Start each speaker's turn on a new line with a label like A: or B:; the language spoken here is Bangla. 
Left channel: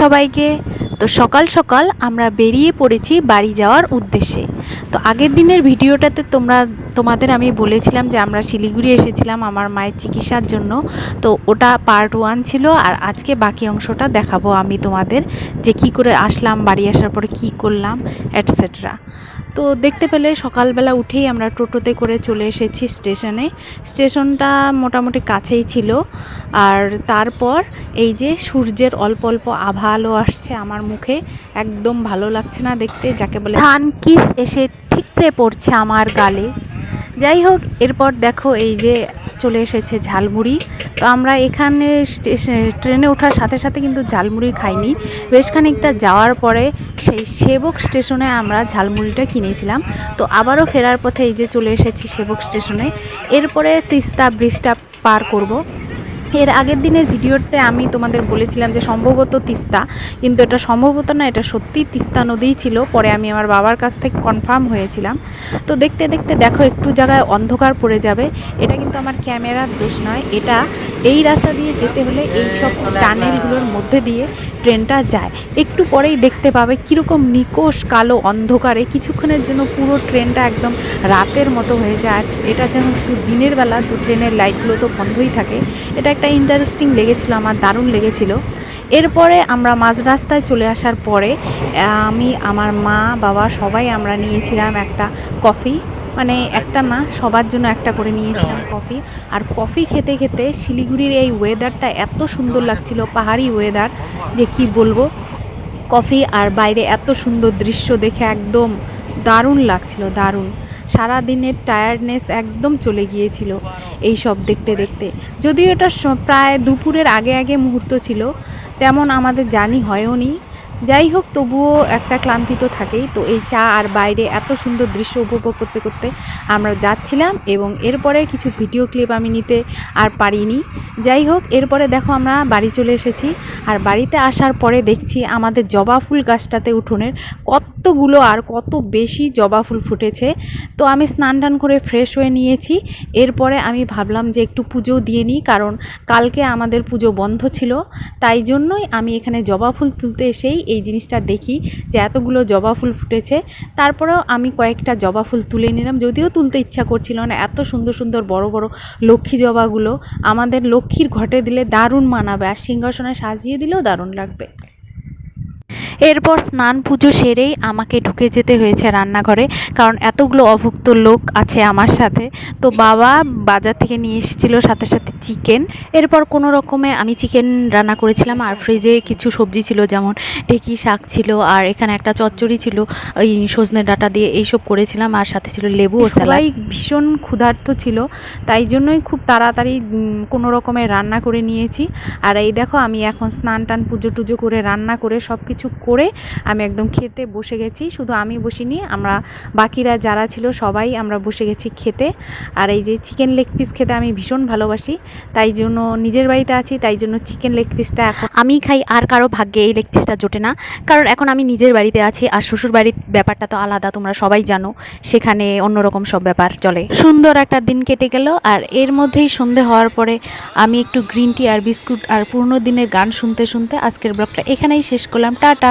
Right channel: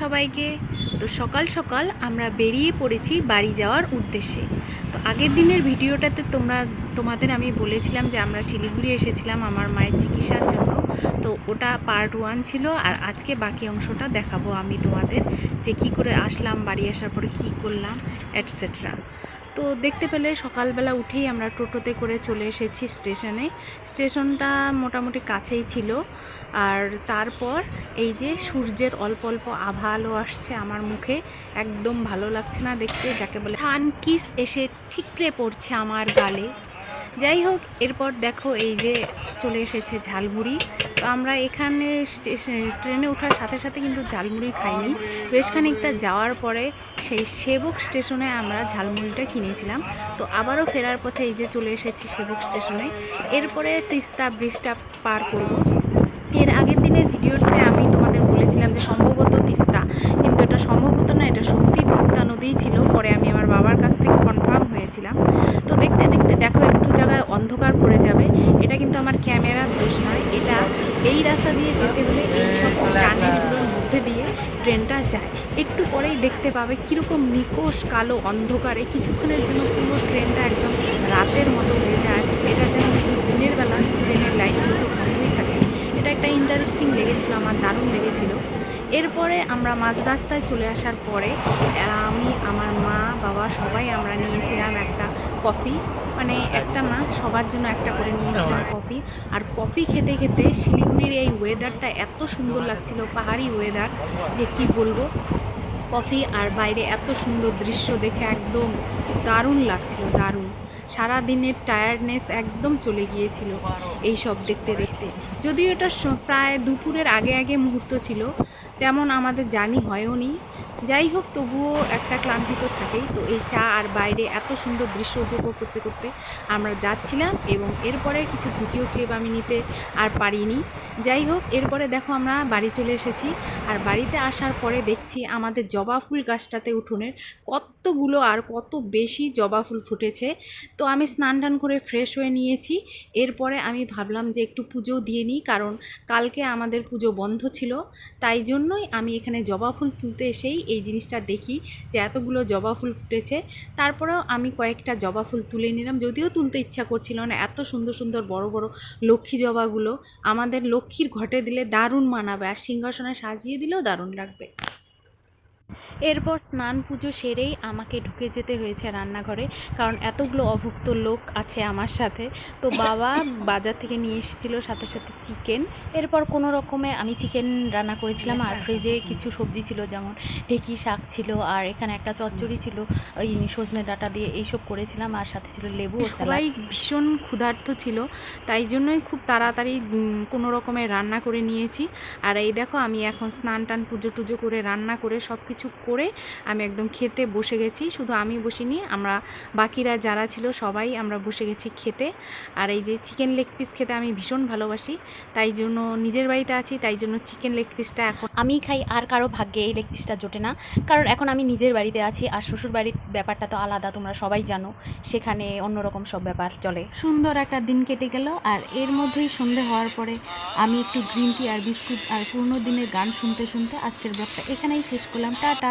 A: সবাইকে। তো সকাল সকাল আমরা বেরিয়ে পড়েছি বাড়ি যাওয়ার উদ্দেশ্যে। তো আগের দিনের ভিডিওটাতে তোমরা, তোমাদের আমি বলেছিলাম যে আমরা শিলিগুড়ি এসেছিলাম আমার মায়ের চিকিৎসার জন্য। তো ওটা পার্ট ওয়ান ছিল আর আজকে বাকি অংশটা দেখাবো আমি তোমাদের যে কি করে আসলাম, বাড়ি আসার পরে কি করলাম অ্যাটসেট্রা তো দেখতে পেলে সকালবেলা উঠেই আমরা টোটোতে করে চলে এসেছি স্টেশনে। স্টেশনটা মোটামুটি কাছেই ছিল। আর তারপর এই যে সূর্যের অল্প অল্প আভা আলো আসছে আমার মুখে, একদম ভালো লাগছে না দেখতে, যাকে বলে ধান কিস এসে ঠিকরে পড়ছে আমার গালে। যাই হোক, এরপর দেখো এই যে চলে এসেছে ঝালমুড়ি। তো আমরা এখানে ট্রেনে ওঠার সাথে সাথে কিন্তু ঝালমুড়ি খাইনি। বেশ খানিকটা যাওয়ার পরে সেই সেবক স্টেশনে আমরা ঝালমুড়িটা কিনেছিলাম। তো আবারও ফেরার পথে এই যে চলে এসেছি সেবক স্টেশনে। এরপরে তিস্তা ব্রিজটা পার করব। এর আগের দিনের ভিডিওতে আমি তোমাদের বলেছিলাম যে সম্ভবত তিস্তা কিন্তু এটা সম্ভবত না এটা সত্যি তিস্তা নদীই ছিল। পরে আমি আমার বাবার কাছ থেকে কনফার্ম হয়েছিলাম। তো দেখতে দেখতে দেখো একটু জায়গায় অন্ধকার পড়ে যাবে। এটা কিন্তু আমার ক্যামেরার দোষ নয়। এটা এই রাস্তা দিয়ে যেতে হলে এই সব টানেলগুলোর মধ্যে দিয়ে ট্রেনটা যায়। একটু পরেই দেখতে পাবে কীরকম নিকোষ কালো অন্ধকারে। কিছুক্ষণের জন্য পুরো ট্রেনটা একদম রাতের মতো হয়ে যায়। আর এটা যেন একটু দিনের বেলা তো ট্রেনের লাইটগুলো তো বন্ধই থাকে। এটা একটা ইন্টারেস্টিং লেগেছিলো আমার দারুণ লেগেছিলো। এরপরে আমরা মাঝ রাস্তায় চলে আসার পরে আমি আমার মা বাবা সবাই আমরা নিয়েছিলাম একটা কফি মানে একটা না সবার জন্য একটা করে নিয়েছিলাম কফি আর কফি খেতে খেতে শিলিগুড়ির এই ওয়েদারটা এত সুন্দর লাগছিল পাহাড়ি ওয়েদার যে কি বলব? কফি আর বাইরে এত সুন্দর দৃশ্য দেখে একদম দারুণ লাগছিল, দারুণ। সারা দিনের টায়ার্ডনেস একদম চলে গিয়েছিল এই সব দেখতে দেখতে। যদিও এটা প্রায় দুপুরের আগে আগে মুহূর্ত ছিল, তেমন আমাদের জানি হয়ও নি। যাই হোক, তবুও একটা ক্লান্তি তো থাকেই। তো এই চা আর বাইরে এত সুন্দর দৃশ্য উপভোগ করতে করতে আমরা যাচ্ছিলাম এবং এরপরে কিছু ভিডিও ক্লিপ আমি নিতে আর পারিনি। যাই হোক, এরপরে দেখো আমরা বাড়ি চলে এসেছি। আর বাড়িতে আসার পরে দেখছি আমাদের জবা ফুল গাছটাতে উঠোনের কতগুলো আর কত বেশি জবা ফুল ফুটেছে। তো আমি স্নান টান করে ফ্রেশ হয়ে নিয়েছি। এরপরে আমি ভাবলাম যে একটু পুজো দিয়ে নিই, কারণ কালকে আমাদের পুজো বন্ধ ছিল। তাই জন্যই আমি এখানে জবা ফুল তুলতে এসেই এই জিনিসটা দেখি যে এতগুলো জবা ফুল ফুটেছে। তারপরেও আমি কয়েকটা জবা ফুল তুলে নিলাম। যদিও তুলতে ইচ্ছা করছিল না, এত সুন্দর সুন্দর বড় বড় লক্ষ্মী জবাগুলো। আমাদের লক্ষ্মীর ঘটে দিলে দারুণ মানাবে, আর সিংহাসনে সাজিয়ে দিলেও দারুণ লাগবে। এরপর স্নান পুজো সেরেই আমাকে ঢুকে যেতে হয়েছে রান্নাঘরে, কারণ এতগুলো অভুক্ত লোক আছে আমার সাথে। তো বাবা বাজার থেকে নিয়ে এসেছিল সাথে সাথে চিকেন। এরপর কোনো রকমে আমি চিকেন রান্না করেছিলাম, আর ফ্রিজে কিছু সবজি ছিল, যেমন ঢেকি শাক ছিল, আর এখানে একটা চচ্চড়ি ছিল, ওই সজনে ডাঁটা দিয়ে এইসব করেছিলাম, আর সাথে ছিল লেবু ও সবাই ভীষণ ক্ষুধার্ত ছিল, তাই জন্যই খুব তাড়াতাড়ি কোনো রকমের রান্না করে নিয়েছি। আর এই দেখো, আমি এখন স্নান টান পুজো টুজো করে রান্না করে সব কিছু করে আমি একদম খেতে বসে গেছি। শুধু আমি বসিনি, আমরা বাকিরা যারা ছিল সবাই আমরা বসে গেছি খেতে। আর এই যে চিকেন লেগ পিস খেতে আমি ভীষণ ভালোবাসি, তাই জন্য নিজের বাড়িতে আছি, তাই জন্য চিকেন লেগ পিসটা এখন আমি খাই আর কারও ভাগ্যে এই লেগ পিসটা জোটে না। কারণ এখন আমি নিজের বাড়িতে আছি আর শ্বশুর বাড়ির ব্যাপারটা তো আলাদা, তোমরা সবাই জানো। সেখানে অন্যরকম সব ব্যাপার চলে। সুন্দর একটা দিন কেটে গেল আর এর মধ্যেই সন্ধে হওয়ার পরে আমি একটু গ্রিন টি আর বিস্কুট আর পুরনো দিনের গান শুনতে শুনতে আজকের ব্লগটা এখানেই শেষ করলাম। টাটা!